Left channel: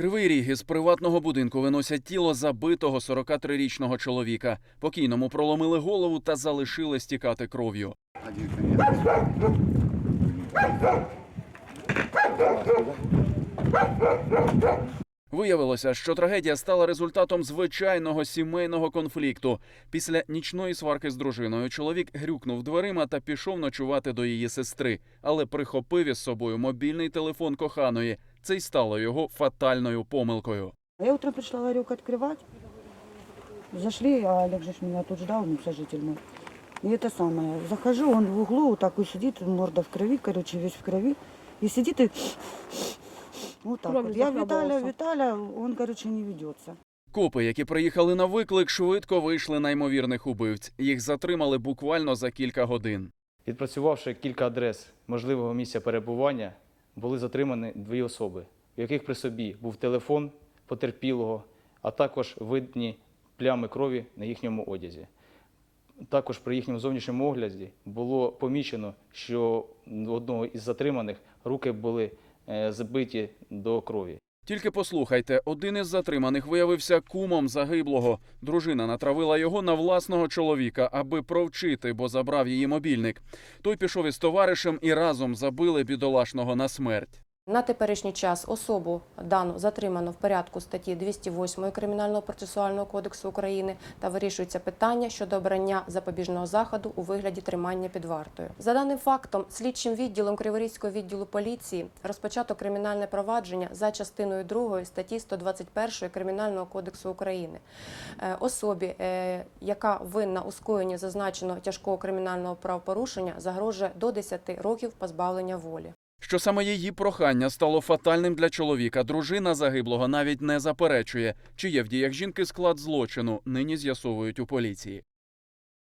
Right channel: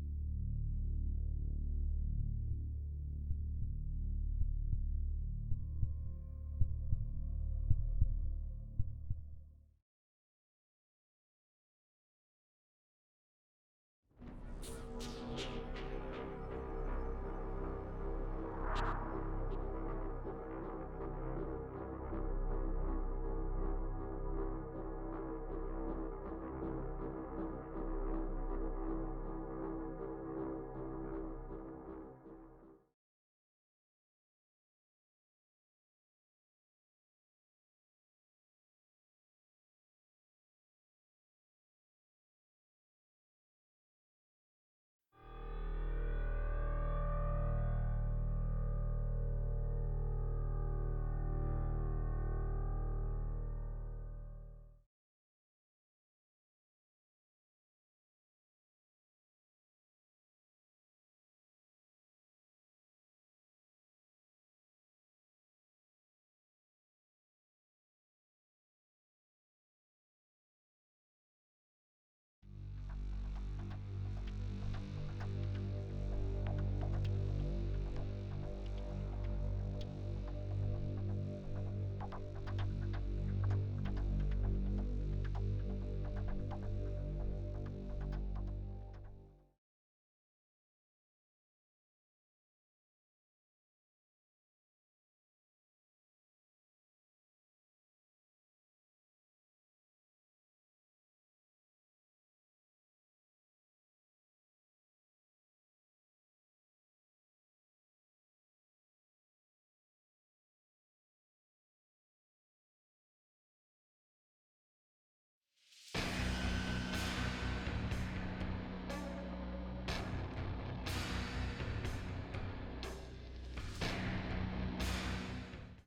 Кривий ріг із приватного будинку виносять тіло забитого 43-річного чоловіка. Покійному проломили голову та залишили стікати кров'ю. Виявилося, що трагедія стала результатом звичайного сімейного конфлікту. Після нічної сварки з дружиною чоловік грюкнув дверима та пішов ночувати до її сестри, але прихопив із собою мобільний телефон коханої. Це й стало його фатальною помилкою. Я утром пришла ларек открывать. Зашли, а Олег же ж меня тут ждал, ну, сожитель мой. И это самое. Захожу, он в углу вот так вот сидит, морда в крови, короче, весь в крови. И сидит и вот так вот. Я. Виталя, Виталя, он, короче, не ведется. Копи, які приїхали на виклик, швидко вийшли на ймовірних убивць. Їх затримали буквально за кілька годин. Відпрацювавши кілька адрес можливого місця перебування, були затримані дві особи, у яких при собі був телефон потерпілого, а також видні плями крові на їхньому одязі. Також при їхньому зовнішньому огляді було помічено, що у одного із затриманих руки були забиті до крові. Тільки послухайте, один із затриманих виявився кумом загиблого. Дружина натравила його на власного чоловіка, аби провчити, бо забрав її мобільник. Той пішов із товаришем і разом забили бідолашного на смерть. На теперішній час особу дану затримано в порядку статті 208 Кримінального процесуального кодексу України та вирішується питання щодо обрання запобіжного заходу у вигляді тримання під вартою. За даним фактом, слідчим відділом Криворізького відділу поліції розпочато кримінальне провадження за частиною 2 статті 121 Кримінального кодексу України. Е, Особі, е, яка винна у скоєнні зазначеного тяжкого кримінального правопорушення, загрожує до 10 років позбавлення волі. Що саме її прохання стало фатальним для чоловіка, дружина загиблого навіть не заперечує. Чи є в діях жінки склад злочину, нині з'ясовують у поліції.